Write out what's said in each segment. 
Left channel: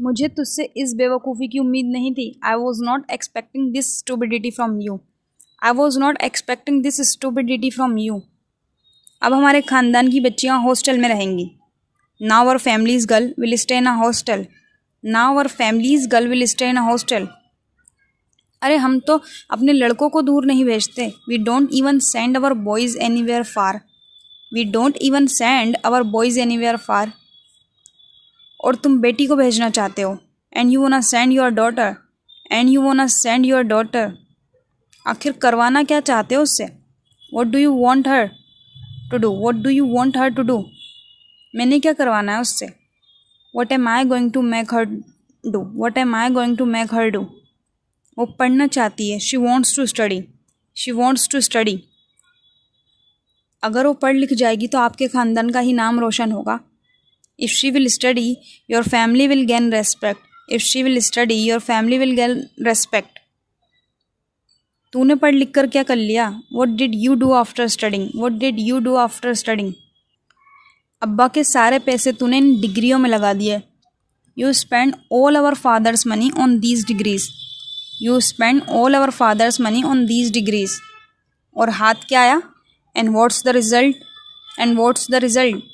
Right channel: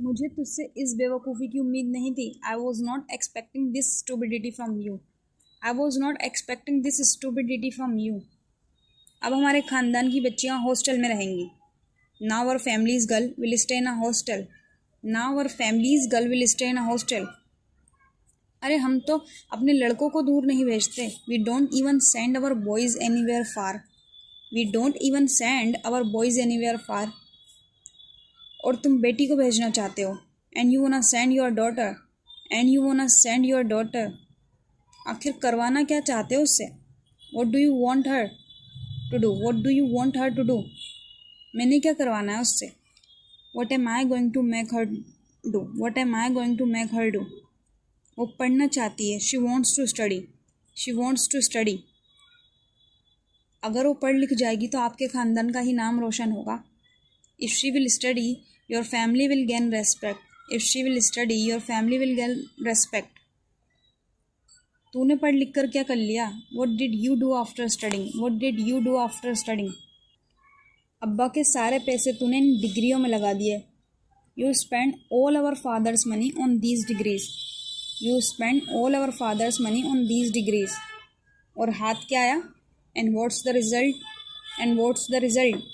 मुझे तुझसे इस बेवकूफ़ी की उम्मीद नहीं थी। I was not expecting this stupidity from you. I was not expecting this stupidity from you. अब हमारे ख़ानदान की बच्चियाँ हॉस्टल में रहेंगी। Now our families girl will stay in a hostel. Now our families girl will stay in a hostel. अरे हम तो अपने लड़कों को दूर नहीं भेजते। We don't even send our boys anywhere far. We don't even send our boys anywhere फार। और तुम बेटी को भेजना चाहते हो। And you wanna send your daughter. And you wanna send your daughter. आखिर करवाना क्या चाहते हो उससे? What do you want her to do? What do you want her to do? मैंने क्या करवाना है उससे? What am I going to make her do? What am I going to make her do? वो पढ़ना चाहती है। She wants to study. She wants to study. अगर वो पढ़ लिख जाएगी तो आपके ख़ानदान का ही नाम रोशन होगा। If she will study your family will gain respect. If she will study your family will gain respect. तूने पढ़ लिख कर क्या कर लिया? What did you do after studying? What did you do after studying? अब्बा के सारे पैसे तूने इन डिग्रियों में लगा दिए। You spend all our father's money on these degrees. You spend all our father's money on these degrees. और हाथ क्या आया? And what's the result? And what's the result?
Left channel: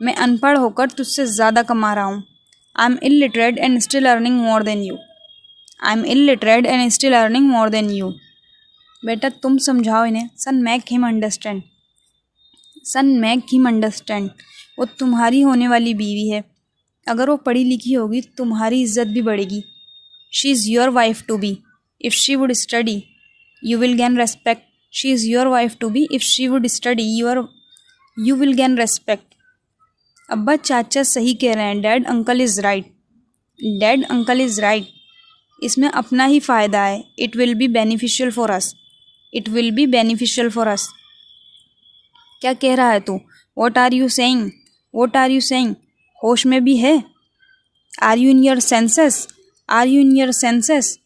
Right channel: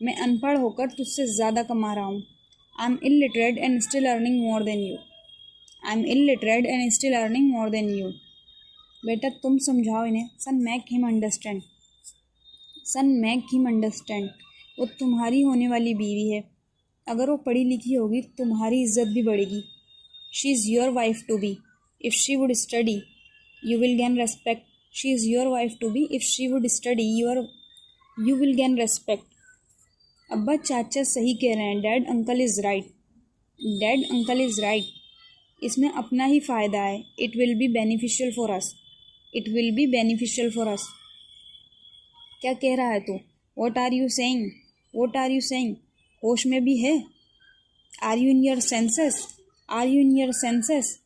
मैं अनपढ़ होकर तुझसे ज़्यादा कमा रहा हूँ। I am illiterate and still earning more than you. I am illiterate and still earning more than you. बेटा तुम समझाओ इन्हें। Son make him understand. Son make him understand. वो तुम्हारी होने वाली बीवी है। अगर वो पढ़ी लिखी होगी तुम्हारी इज्जत भी बढ़ेगी। She is your wife to be. If she would study you will gain respect. She is your wife to be. If she would study you will gain respect. अब्बा चाचा सही कह रहे हैं। Dad uncle is right. Dad uncle is right. इसमें अपना ही फ़ायदा है। It will be beneficial for us. It will be beneficial for us. क्या कह रहा है तू? What are you saying? What are you saying? होश में भी है? Are you in your senses? Are you in your senses?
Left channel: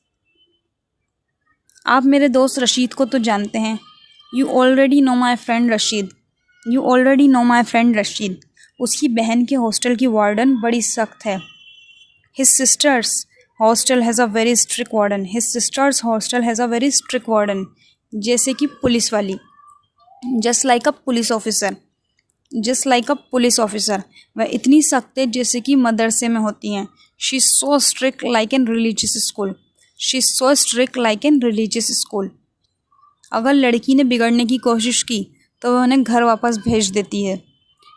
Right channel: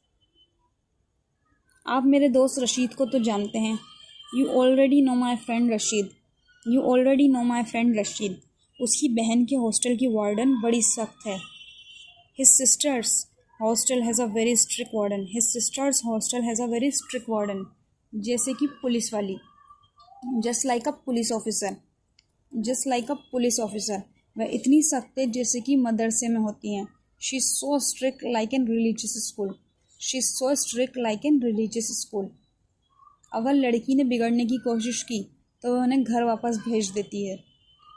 आप मेरे दोस्त रशीद को तो जानते हैं। You already know my friend Rashid. You already know my friend Rashid. उसकी बहन के हॉस्टल की वार्डन बड़ी सख्त है। His sister's hostel has a very strict warden. His sister's hostel has a very strict warden. जैसे कि पुलिस वाली। जस्ट लाइक अ पुलिस ऑफिसर। जस्ट लाइक अ पुलिस ऑफिसर। वह इतनी सख्त है जैसे कि मदरसे में होती हैं। She is so strict like in religious school. She is so strict like in religious school. अगर लड़की ने बिगड़ने की कोशिश की तो वह उन्हें घर वापस भेज देती है।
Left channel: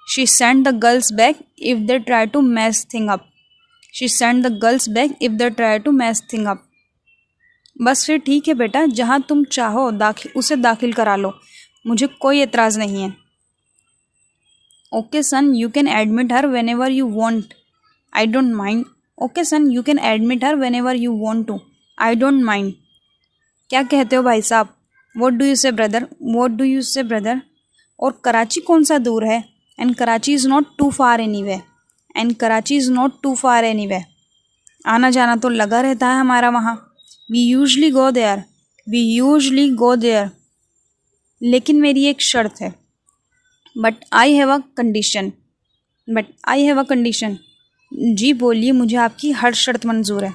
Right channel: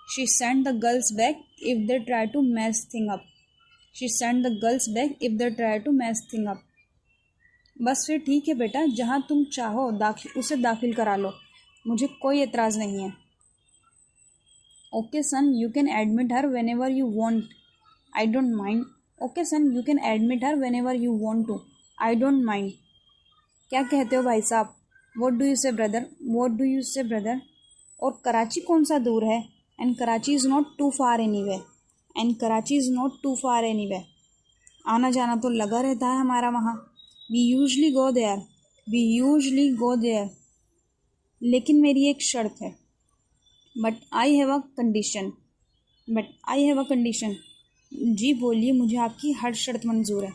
She send the girls back if they try to mess thing up. She send the girls back if they try to mess thing up. बस फिर ठीक है बेटा, जहाँ तुम चाहो उसे दाखिल करा लो। मुझे कोई एतराज़ नहीं है। Okay son, you can admit her whenever you want. I don't mind. Okay son, you can admit her whenever you want to. I don't mind. क्या कहते हो भाई साहब? What do you say brother? What do you say brother? और कराची कौन सा दूर है? And Karachi is not too far anyway. And Karachi is not too far anyway. आना जाना तो लगा रहता है हमारा वहाँ। We usually go there. We usually go there. लेकिन मेरी एक शर्त है। But I have a condition. But I have a condition. जी बोलिए, मुझे आपकी हर शर्त मंजूर है।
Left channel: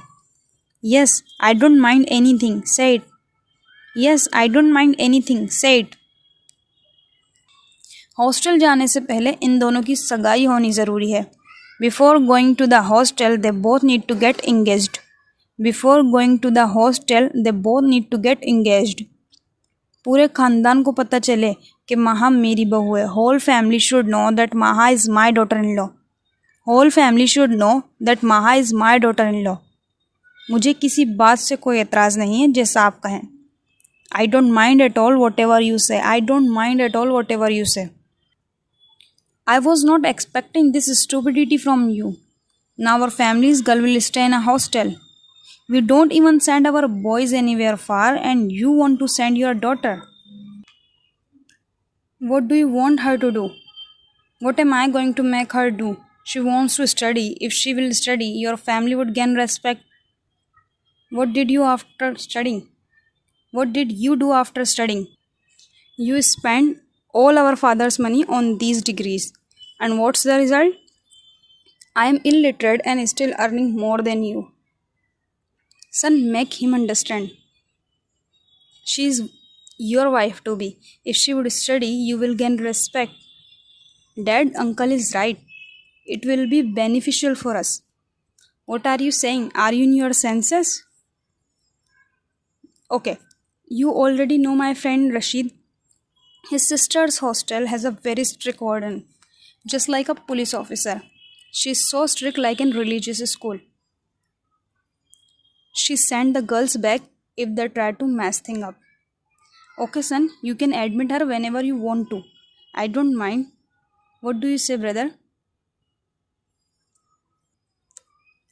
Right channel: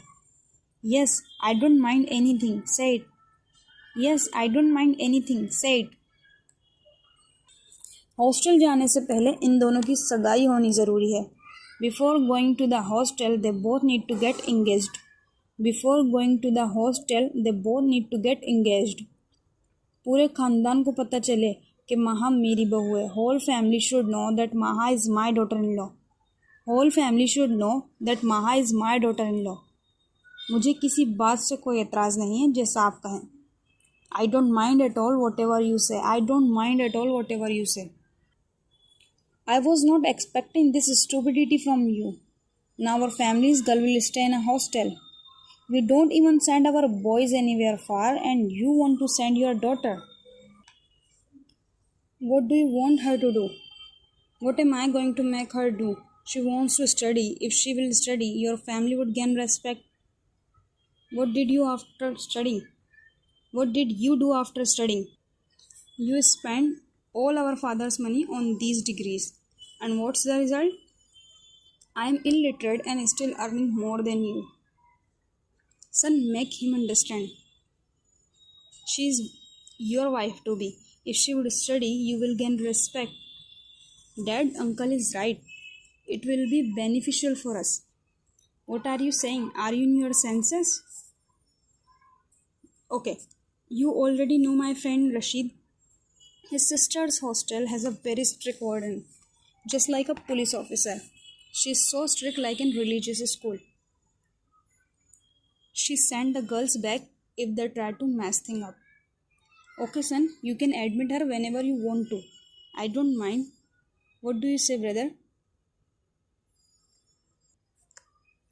Yes I don't mind anything, say it. Yes I don't mind anything, say it. Hostel जाने से पहले इन दोनों की सगाई होनी ज़रूरी है। Before going to the hostel they both need to get engaged. Before going to the hostel they both need to get engaged. पूरे ख़ानदान को पता चले कि माहा मेरी बहू है। Whole family should know that Maha is my daughter in law. Whole family should know that Maha is my daughter in law. मुझे किसी बात से कोई एतराज़ नहीं है, जैसा आप कहें। I don't mind at all whatever you say. I don't mind at all whatever you say. I was not expecting this stupidity from you. Now our families girl will stay in a hostel. We don't even send our boys anywhere far, and you want to send your daughter. What do you want her to do? What am I going to make her do? She wants to study. If she will study, your family would gain respect. What did you after studying? What did you do after studying? You spend all our father's money on these degrees. And what's the result? I am illiterate and still earning more than you. Son, make him understand. She is your wife to be. If she would study, you will gain respect. Dad, uncle is right. It will be beneficial for us. What are you saying? Are you in your senses? Okay. You already know my friend Rashid. His sister's hostel has a very strict warden, just like a police officer. She's so strict like in religious school. She sent the girls back if they try to mess thing up. Okay, son, you can admit her whenever you want to. I don't mind. What do you say, brother?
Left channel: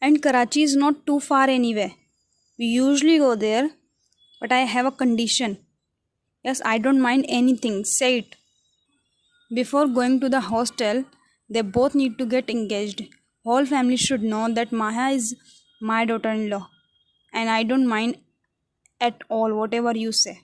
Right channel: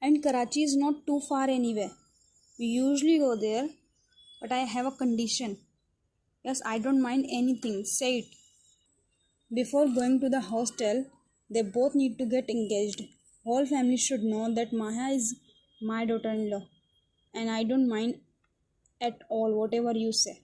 And Karachi is not too far anyway. We usually go there, but I have a condition. Yes, I don't mind anything. Say it. Before going to the hostel, they both need to get engaged. Whole family should know that Maha is my daughter-in-law, and I don't mind at all whatever you say.